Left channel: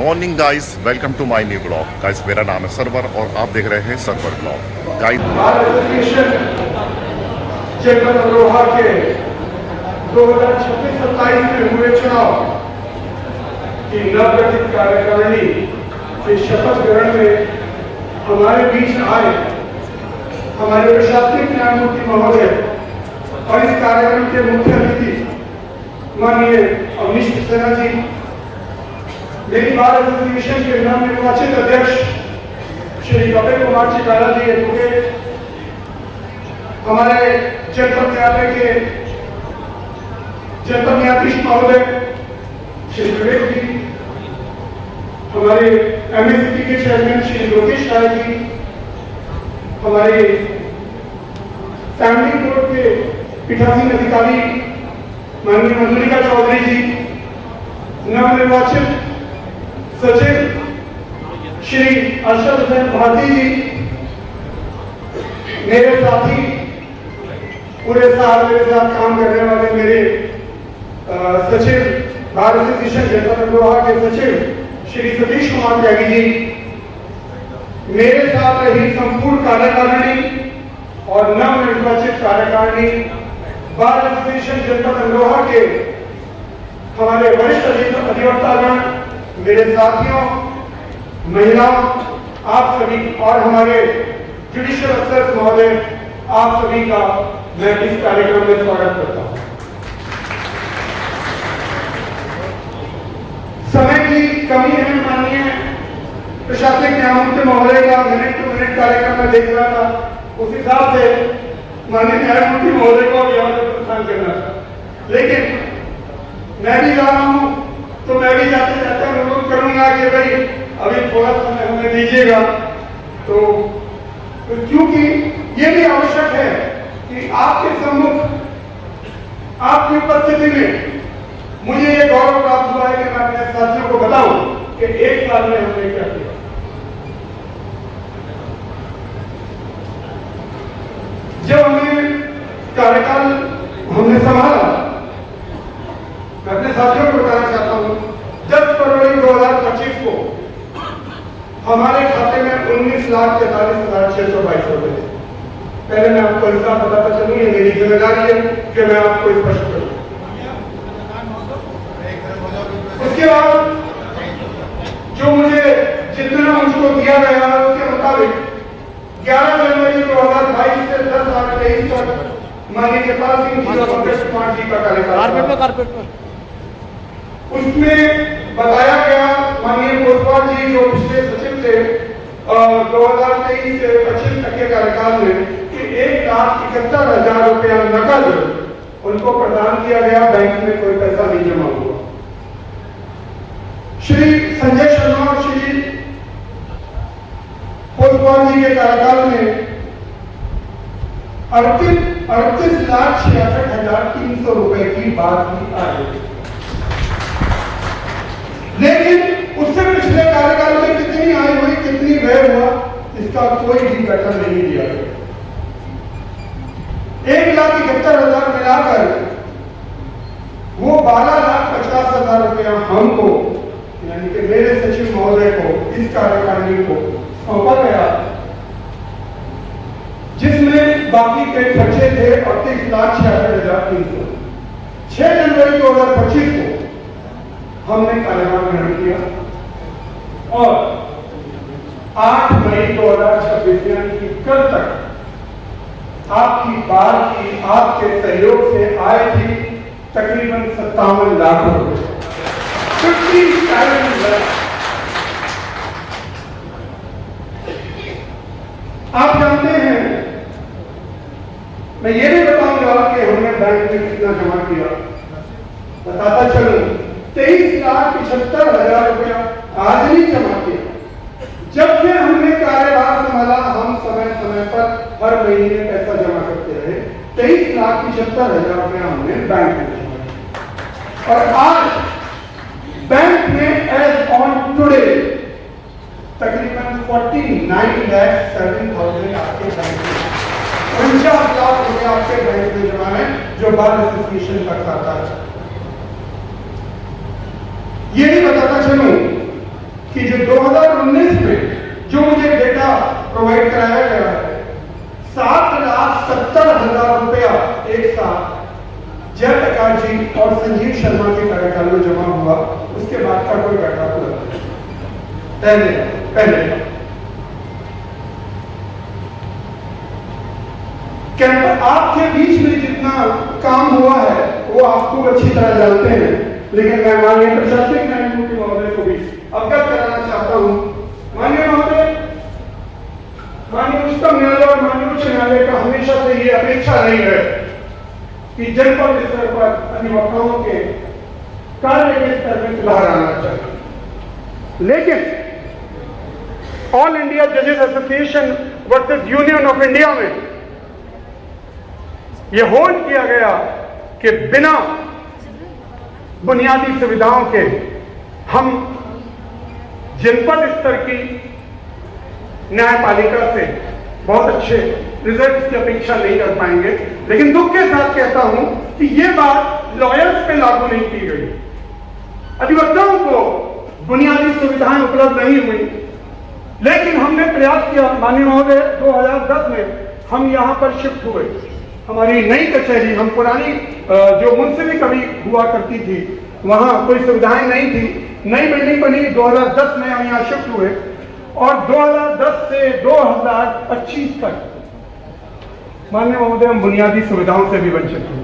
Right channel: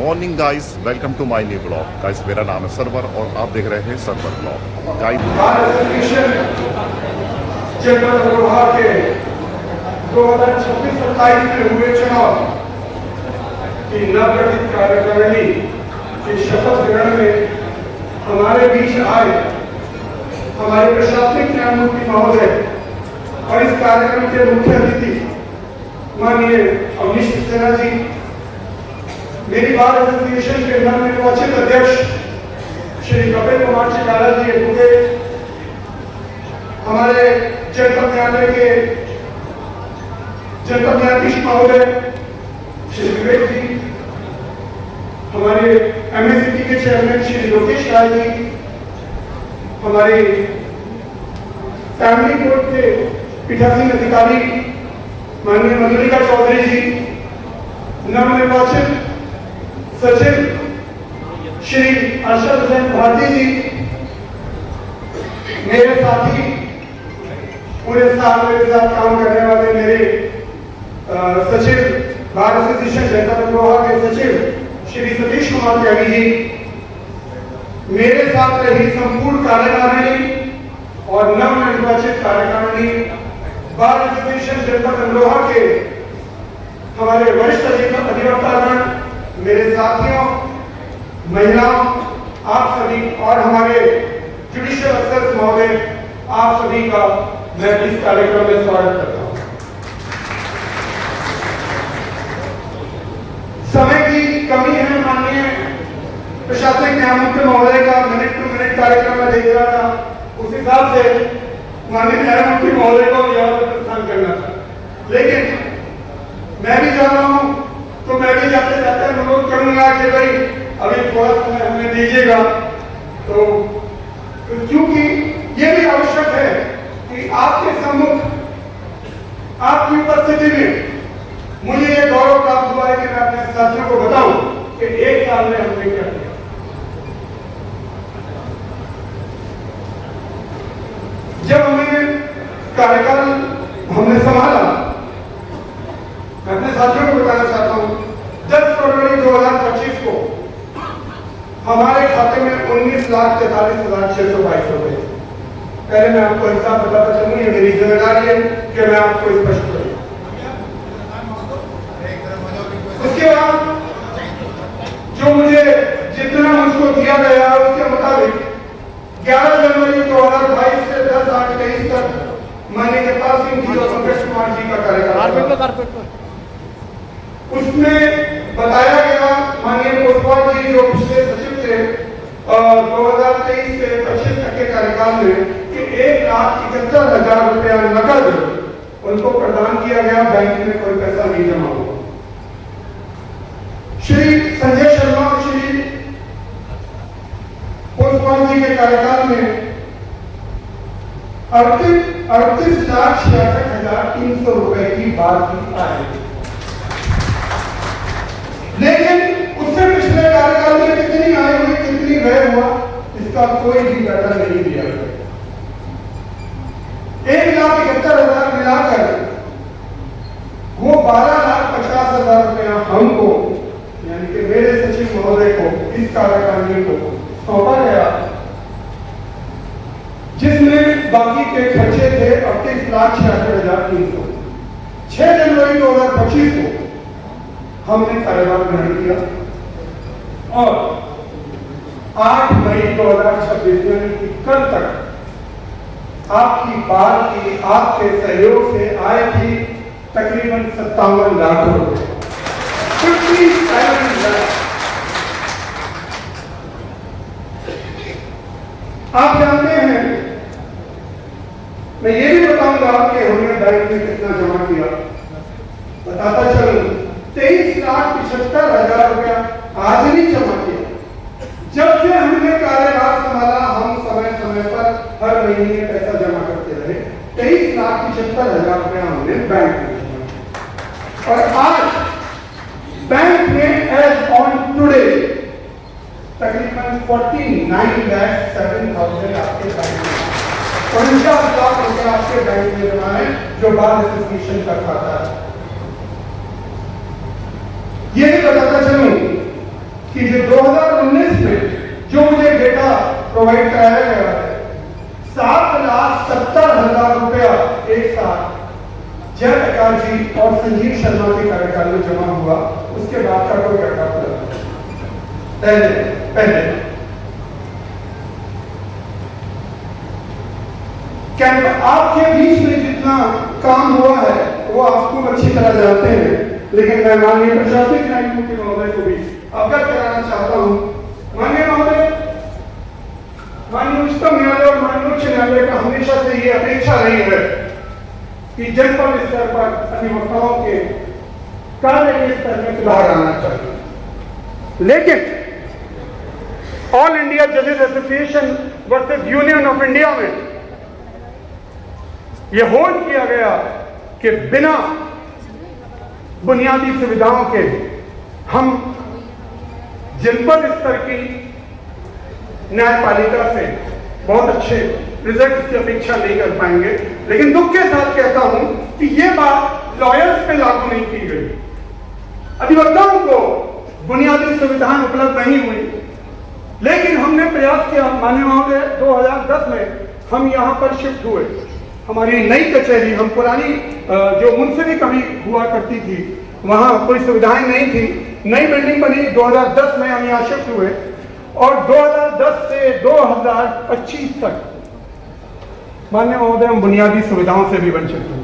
Morning guys, welcome to my new blog. Guys मेरा नाम है सरवर और आप देख रहे हैं सरवर ब्लॉग। गाइस के 2026-27 में हुए चुनाव की नवगठित कार्यकारिणी के शपथ ग्रहण में हमारे बीच आए हमारे प्रशासनिक न्यायमूर्ति महोदय और इस कार्यक्रम के मुख्य अतिथि माननीय अवनीश सक्सेना जी, मेरी बार एसोसिएशन के नवनिर्वाचित अध्यक्ष श्री कपिल कुमार चिकाला जी एडवोकेट, हमारे जनपद न्यायालय के जनपद न्यायाधीश महोदय श्री विवेक जी, हमारे एमएससीपी के चेयरमैन श्री लोकेश राय जी, हमारे फैमिली कोर्ट के पीठासीन अधिकारी माननीय मधुलिका चौधरी जी, नवनिर्वाचित सचिव श्री अर्शद हुसैन भारती जी, मेरे साथी पूरे साल मेरे साथ काम करने वाले मेरे सचिव बार एसोसिएशन जनता अमरोहा के सचिव श्री सतीश कुमार त्यागी जी, मेरे साथ रही संपूर्ण कार्यकारिणी और नवनिर्वाचित कार्यकारिणी, बार एसोसिएशन जनता अमरोहा के हमारे वरिष्ठ अधिवक्तागण, मेरे साथियों, महिलाओं, आप सभी और हमारे जुडिशियल अफसर महोदय, आप सभी का मैं इस कार्यक्रम में स्वागत करता हूं। समय की कमी है, माननीय प्रशासनिक न्यायमूर्ति महोदय का मिनट टू मिनट कार्यक्रम में देख रहा था, उस हिसाब से माननीय न्यायमूर्ति महोदय को यहाँ से प्रस्थान करना था, लेकिन मैं भी जा रहा हूं तो मैं भी जाते जाते अनुरोध करूंगा कि भाई अभी थोड़ा समय हमें दीजिएगा, तो क्योंकि ये भी आवश्यक है कि आपके सम्मुख आपकी उपस्थिति में मुझे ये गौरव प्राप्त हुआ है कि मैं अपने साथियों को बताऊं कि एक साल में हमने क्या किया। जब हमें कार्यकाल हमने संभाला, मैं अपने साथियों को बताना चाहता हूं, 10 फरवरी 2025 को हमारे खाते में 19,43,622 रुपए। पहले मैं आपको हिसाब बताता चलूं, ये मेरी जिम्मेदारी है कि मैं आपको स्पष्ट करूं। उसके बाद जो मुझे जितना मुझको दिया गया उसके मुताबिक 11 जनवरी 2022 से 10/8/23 तक माननीय जगपाल सिंह जी और पंकज कुमार जी का कार्यकाल, उसमें बताया गया माननीय कोतवाल जी जो पिछले सचिव थे 2023 से 25 तक के कार्यकाल में कि 1,71,000 रुपया नकद उनको प्रदान किया गया, बैंक में कोई पैसा नहीं जमा हुआ। श्री संजय शर्मा और श्री कोतवाल जी के कार्यकाल में 38,66,300 रुपए की बात भी आई, लेकिन उससे पिछले कार्यकाल में कितनी आई हुई कितनी व्यय हुआ इसका कोई भी पैटर्न नहीं दिया गया। 1,71,000 मिलाकर वो 12,50,000 रुपया हमको यानी कि मेरे सचिव महोदय को इस कार्यकारिणी को सौंपा गया, जिसमें बाकी के खर्चे थे 38,66,300। 6 जनवरी 2025 को हमने कार्यकाल ग्रहण किया और 8 मई 2026 यानी कि कल तक आपकी बार की आपके सहयोग से आए थी तकरीबन 57 लाख रुपए। आप जानते हैं, मैं ये भी बताऊंगा कि हमने बैंक में कितना जमा किया, बताता चलूं 23,75,000 रुपया आज भी जमा किया। जब से हमने कार्यभार संभाला हम समय समय पर हर महीने पैसा जमा करते रहे। 23,75,000 रुपया हमने बैंक में जमा किया और आज बैंक में एज ऑन टुडे तकरीबन 49,07,000 आपके बैंक में 50 लाख रुपया आपके बैंक में जमा है जो बार एसोसिएशन का खाता है। ये भी बताता चलूं कि जो 2019 में जो मुझे डेटा प्रोवाइड कराया गया है, 7,70,000 रुपया एक साथ जयप्रकाश जी और संजीव शर्मा के कार्यकाल में जमा हुआ। उसके बाद का कोई घटना पहले कैंपस आपके बीच में जितना काम हुआ है वो आप खूब अच्छी तरह जानते हैं, लेकिन मैं माननीय प्रशासनिक न्यायमूर्ति महोदय को भी अवगत कराना चाहता हूं। माननीय महोदय, माननीय उच्चतम न्यायालय और माननीय उच्च न्यायालय का हमेशा से ये अपेक्षा रही है कि जनपद स्तर पर अधिवक्ताओं के कार्य के स्तर में सुधार आना चाहिए, लेकिन ऑल इंडिया जजेस association versus union of India में यह होल्ड किया गया कि बिना बुनियादी सुविधाओं के हम जनपद स्तर की न्यायपालिका से बहुत अच्छे रिजल्ट की अपेक्षा नहीं कर पाएंगे। लेकिन दुख के साथ कहता हूं कि यह बात लॉयर्स पे लागू नहीं की गई। अधिवक्ताओं को बुनियादी सुविधाएं उपलब्ध नहीं हुई, लेकिन हमने प्रयास किया। माननीय महोदय, 2010 में हम यहां पर शिफ्ट हुए। हमारी नई कचहरी, हम पुरानी जो मुंसिफी कभी हुआ करती थी वहां कोई सुविधाएं नहीं थी, नई बिल्डिंग बनी। 2010 में हम यहां शिफ्ट हुए और 2010 से 2025 तक माननीय महोदय हम बुनियादी सुविधाओं से भी वंचित हुए।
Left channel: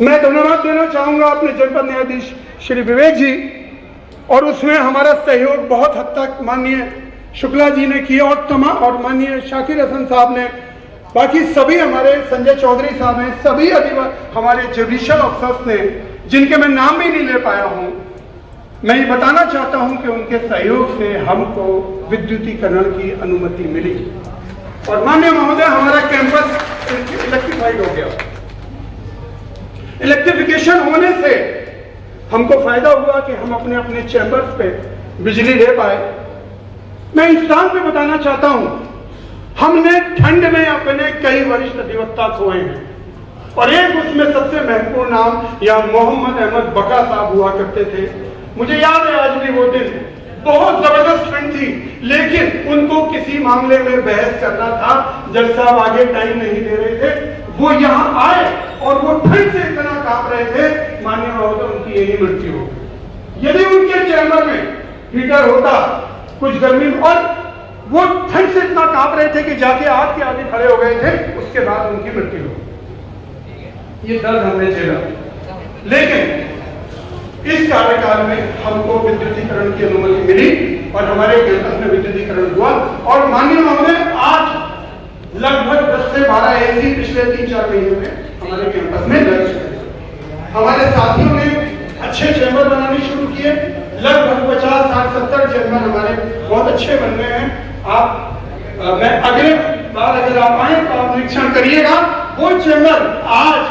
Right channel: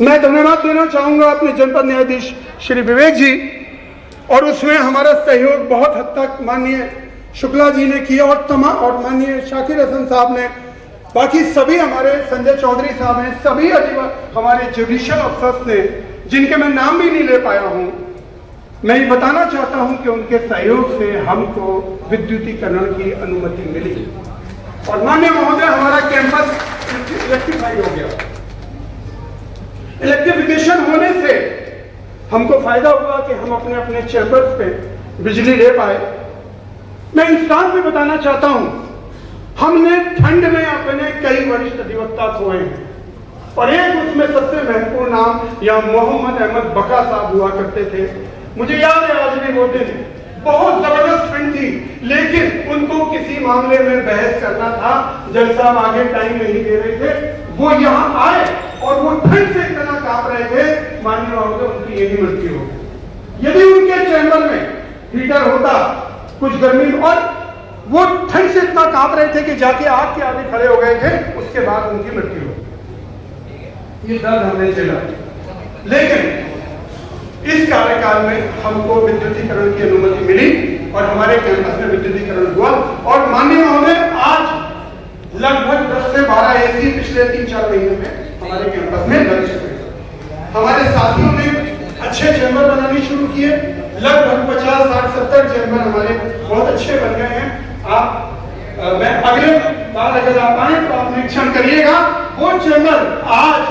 मैं धन्यवाद देना चाहूंगा अपने जनपद न्यायाधीश श्री विवेक जी, और उसमें हमारा सहयोग बहुत हद तक माननीय शुक्ला जी ने किया और माननीय शाकिर हसन साहब ने, बाकी सभी हमारे संजय चौधरी साहब हैं, सभी हमारे जुडिशियल अफसर्स ने, जिनके मैं नाम भी नहीं ले पाया हूं। मैं ये बताना चाहता हूं कि उनके सहयोग से हमको विद्युतीकरण की अनुमति मिली और माननीय महोदय हमारा कैंपस इलेक्ट्रीफाई हो गया। इलेक्ट्रिफिकेशन होने से हमको फायदा हुआ कि हम अपने अपने चैम्बर्स पे बिजली ले पाए। मैं इस स्थान पे बताना चाहता हूं, हमने ठंड में अपने कई वरिष्ठ अधिवक्ता खोए हैं और एक उसमें सबसे महत्वपूर्ण नाम या मोहम्मद अहमद बका साहब हुआ करते थे। मुझे याद है आज भी वो दिन, बहुत जबरदस्त ठंड थी, लेकिन उनको किसी मामले में बहस करना था, जज साहब आगे टाइम नहीं दे रहे थे। वो यहाँ आए और वो ठंड से इतना कांप रहे थे, माननीय महोदय उनकी यही मृत्यु हो। यदि उनके चैम्बर में हीटर होता, कुछ गर्मी, और वो ठंड से इतना कांप रहे थे कि जाके आग के आगे खड़े हो गए थे, उसके बाद उनकी मृत्यु हो। ये दर्द हमने झेला, लेकिन इस कार्यकाल में हमको विद्युतीकरण की अनुमति मिली और हमारे कैंपस में विद्युतीकरण हुआ। और माननीय महोदय आज लगभग 10 से 12 एसी पिछले 3-4 महीने में हमारे कैंपस में लग चुके हैं। हमारे साथियों ने अच्छे चैम्बर बनाने शुरू किए, लगभग 50, 60, 70 चैम्बर हमारे बहुत अच्छे बन गए हैं। मैं अगले बार अगर आप आए तो आप निरीक्षण करिएगा, वो चैम्बर आज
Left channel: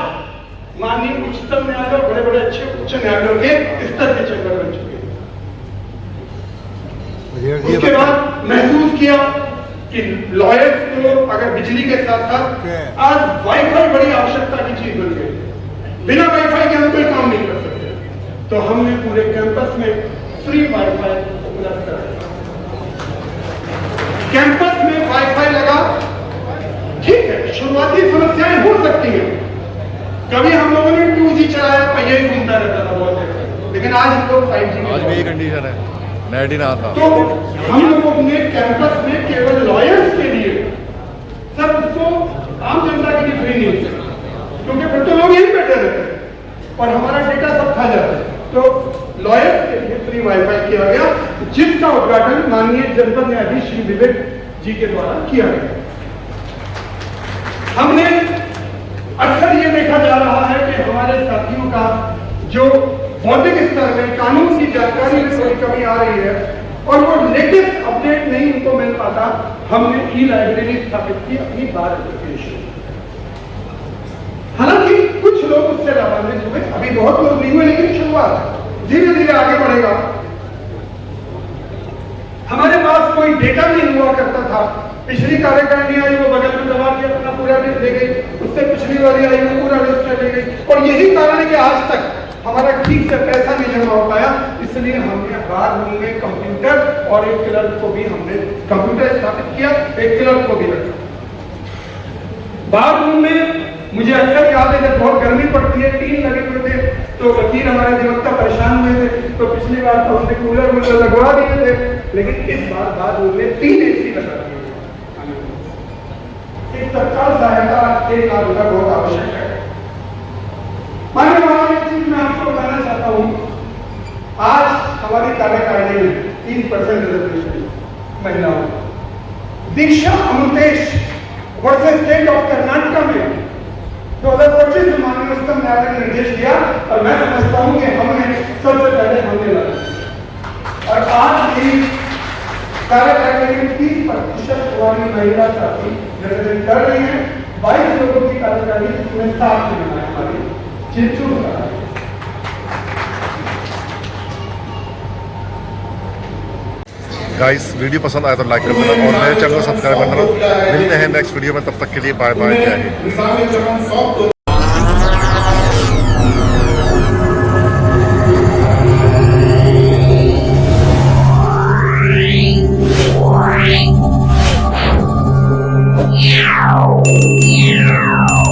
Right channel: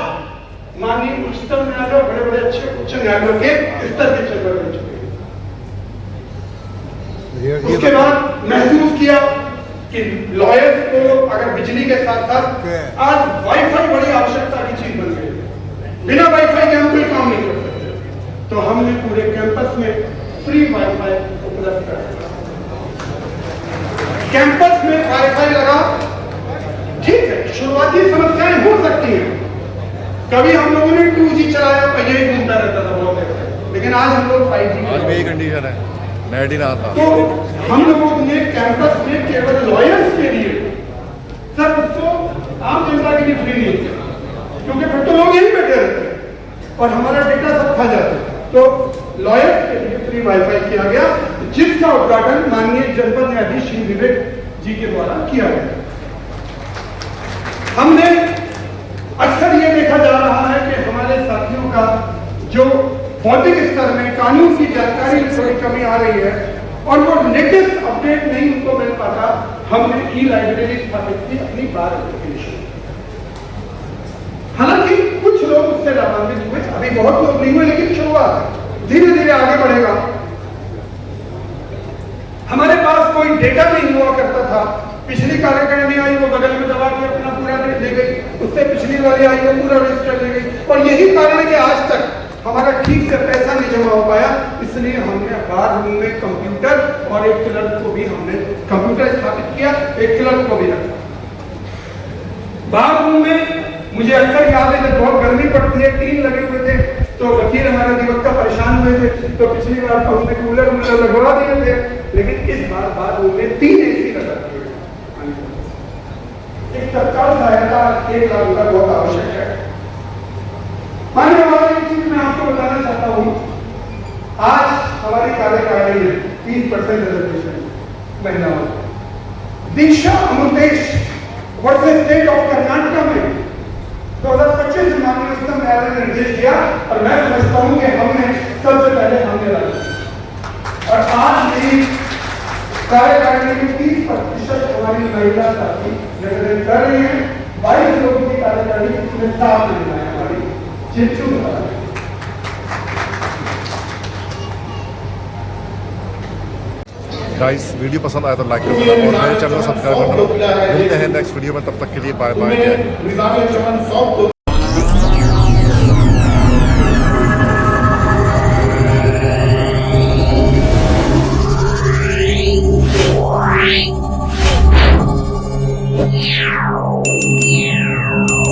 माननीय उच्चतम न्यायालय और बड़े बड़े अच्छे उच्च न्यायालयों के स्तर के चैम्बर बन चुके हैं। उसके बाद महसूस किया कि लॉयर्स को अगर बिजली के साथ साथ आज वाईफाई बड़ी आवश्यकता की चीज बन गई। बिना वाईफाई के हम कोई काम नहीं कर सकते, तो हमने पूरे कैंपस में फ्री वाईफाई उपलब्ध कराया। कैंपस में वाईफाई लगा, ठीक है, शुरुआती समस्याएं हो सकती हैं। कभी हम लोगों ने 2G चलाया, पहिया ही घूमता रहता था बहुत देर, लेकिन आज हम लोग 5G। आज भी यही कंडीशन है, नेट ही ना था। तो हम लोगों ने कैंपस में केवल लॉयर्स के लिए सर उसको आम जनता के लिए फ्री नहीं किया, क्योंकि फिर तो लोग यहीं बैठे रहते और हमारा डेटा सब खा जाता है। तो लॉयर्स के लिए फ्री वाईफाई किया गया, जिसका उद्घाटन माननीय जनपद न्यायाधीश श्री विवेक जी के द्वारा किया गया। हमने अक्सर ये देखा जा रहा है कि हमारे साथियों का जो बौद्धिक स्तर में कानून की जानकारी में थोड़ी कमी आ रही है और वो लेटेस्ट अपडेट नहीं उनको मिल पाता। हमने ई-लाइब्रेरी स्थापित की अपनी बार एप्लीकेशन। हालांकि कुछ लोग उससे लाभान्वित हुए, अभी बहुत लोग नहीं हुए, लेकिन शुरुआत धीरे धीरे आगे बढ़ेगा। हमारे पास कोई डेटा नहीं हुआ करता था। पिछली कार्यकारिणी आई वो बगल में दबा के अपना पूरा रेट दे गई, उससे पिछली वाली आई वो पूरा रजिस्टर ले गई, और यही कारण है कि आज तक हमारा ठीक से पैसा नहीं जमा हो पाया, इसलिए हमने बार रूम में कंप्यूटर और एक क्लर्क को भी हमने कंप्यूटर स्थापित किया, एक क्लर्क को भी रखा। बार रूम में मुझे अक्सर याद है जब बहुत गर्मी पड़ती है, टीन लगे हुए थे, तो वकील हमारे अधिवक्ता परेशान हुए थे, तो पिछली बार तो हमने कूलर वूलर लगवा दिए थे, लेकिन इस बार बार रूम में 3 AC लगा दिए। एक तत्काल सहायता 1 लाख रुपया बहुत आवश्यक है। माननीय हमारी चीज मैं आपको बताना चाहता हूँ, आज हमारी कार्यकारिणी में 30% रिजर्वेशन महिलाओं। Diksha Amritesh versus state of Karnataka में 2025 में माननीय उच्चतम न्यायालय ने निर्देश दिया, और मैं समझता हूँ कि हमने सबसे पहले हमने लगा, और आज भी कार्यकारिणी में 30% हमारी महिला साथी रिजर्वेशन कर रही है। 22 लोगों की कार्यकारिणी जिसमें 7 महिलाएं हमारी चिंचू बता रही है। गाइस वीडियो पसंद आया तो लाइक कर देना और मेरे चैनल को सब्सक्राइब करना। मिलते हैं नेक्स्ट वीडियो में, तब तक के लिए बाय बाय, जय हिंद। Yeah.